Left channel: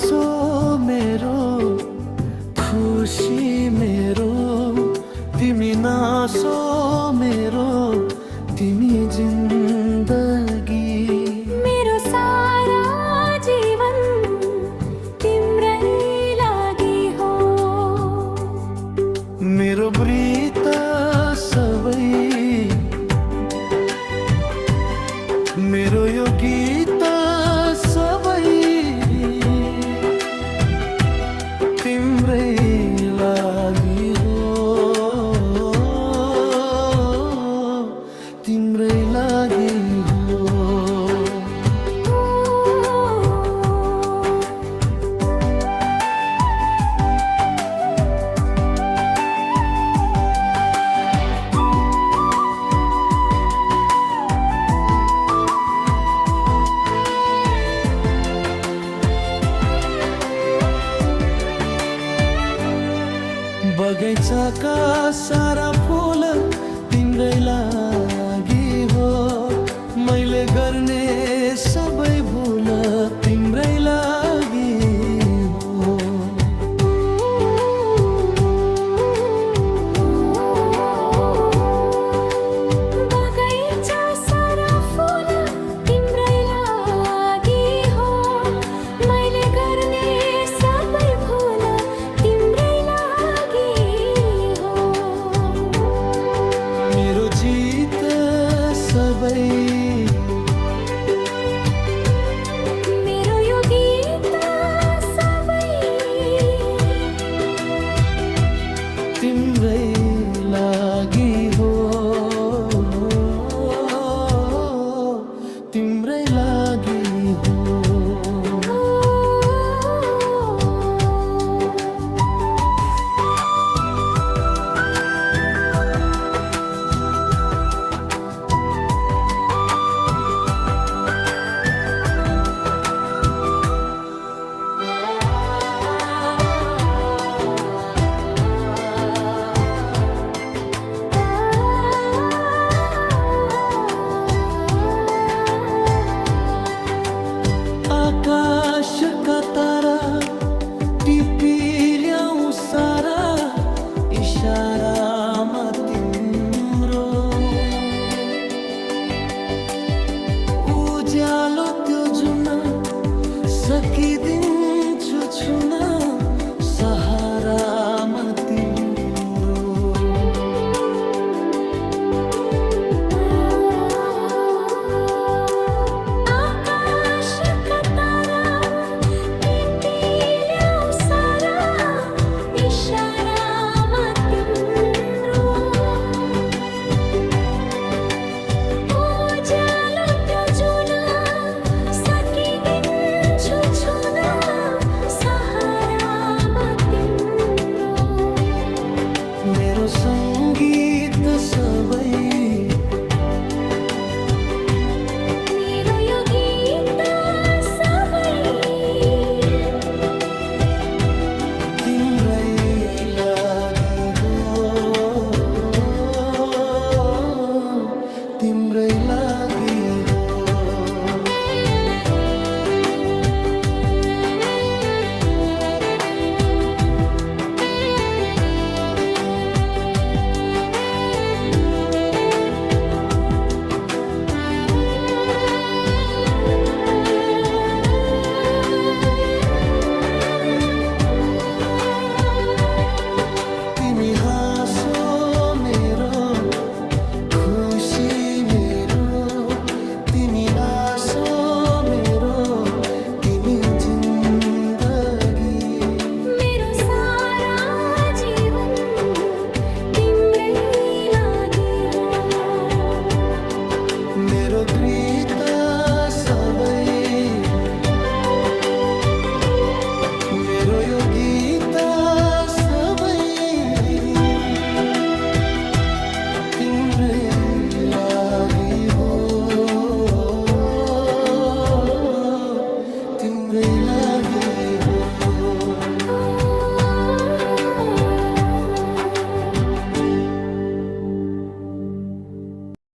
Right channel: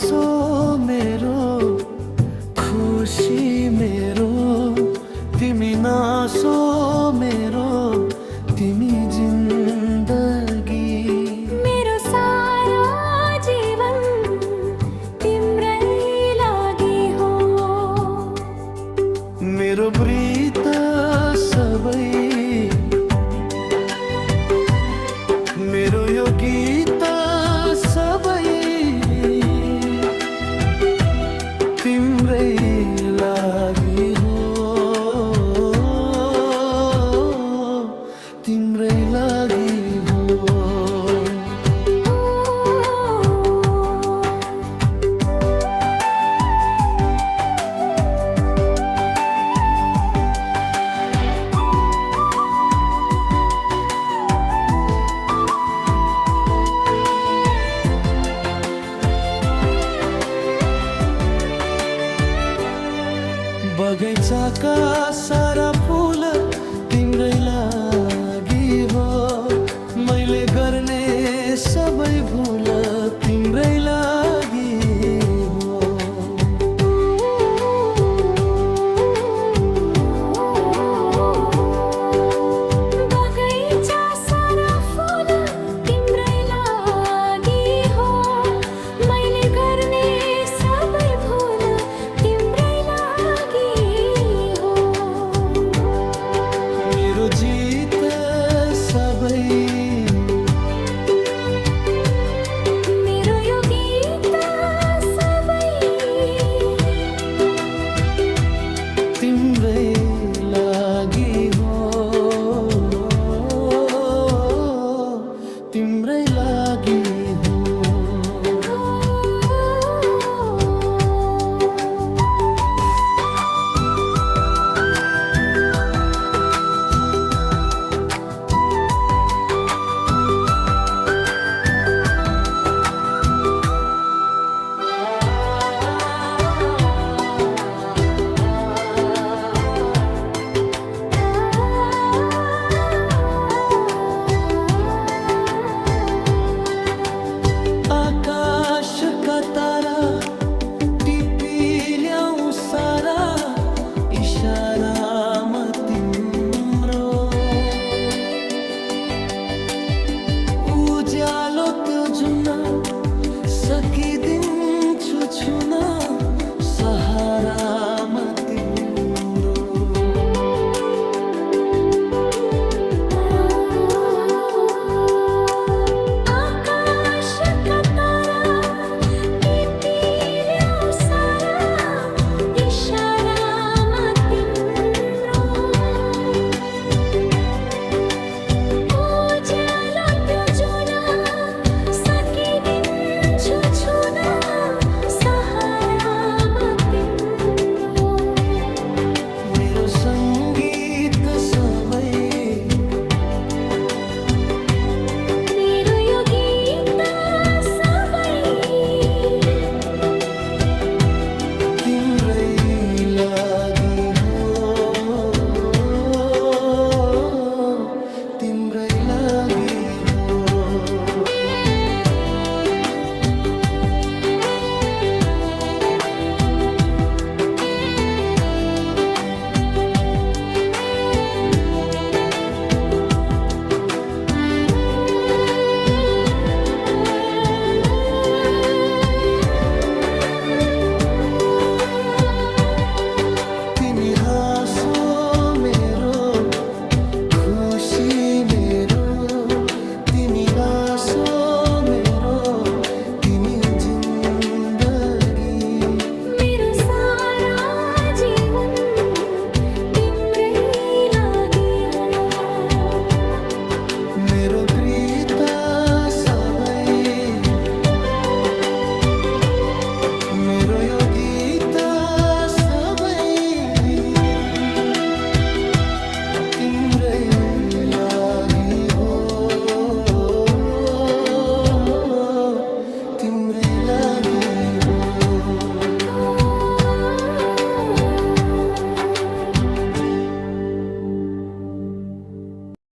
नासो मेरो खुसी मेरो, तिमी नासो मेरो तिमी जिन्दगी। मेरो सारा जीवन तिम्रै लागि हो, मेरो ब्रीत सबै, मेरो यो गीत सबै तिम्रै लागि हो, तिम्रै लागि हो। बगैँचाका सारा फुल तिम्रै लागि हो, मैले गर्ने सबै भुल तिम्रै लागि हो। बगैँचा सारा फुल तिम्रै लागि हो, मैले गर्ने सबै भुल तिम्रै लागि हो। मेरो जित सबै, मेरो यो गीत सबै तिम्रै लागि हो, तिम्रै लागि हो। आकाशका तारा टिपी ल्याऊ सारा इशारामा तिम्रो, उज्यालो त्यो जुन सकिदिन्छु छुन सहारामा तिम्रो। मेरो सङ्गीत सबै, मेरो यो गीत सबै तिम्रै लागि हो, तिम्रै लागि हो। तिमी हाँसो मेरो खुसी मेरो, तिमी नासो मेरो तिमी जिन्दगी। मेरो सारा जीवन तिम्रै लागि हो, मेरो गीत सबै, मेरो यो गीत सबै तिम्रै लागि हो, तिम्रै लागि हो।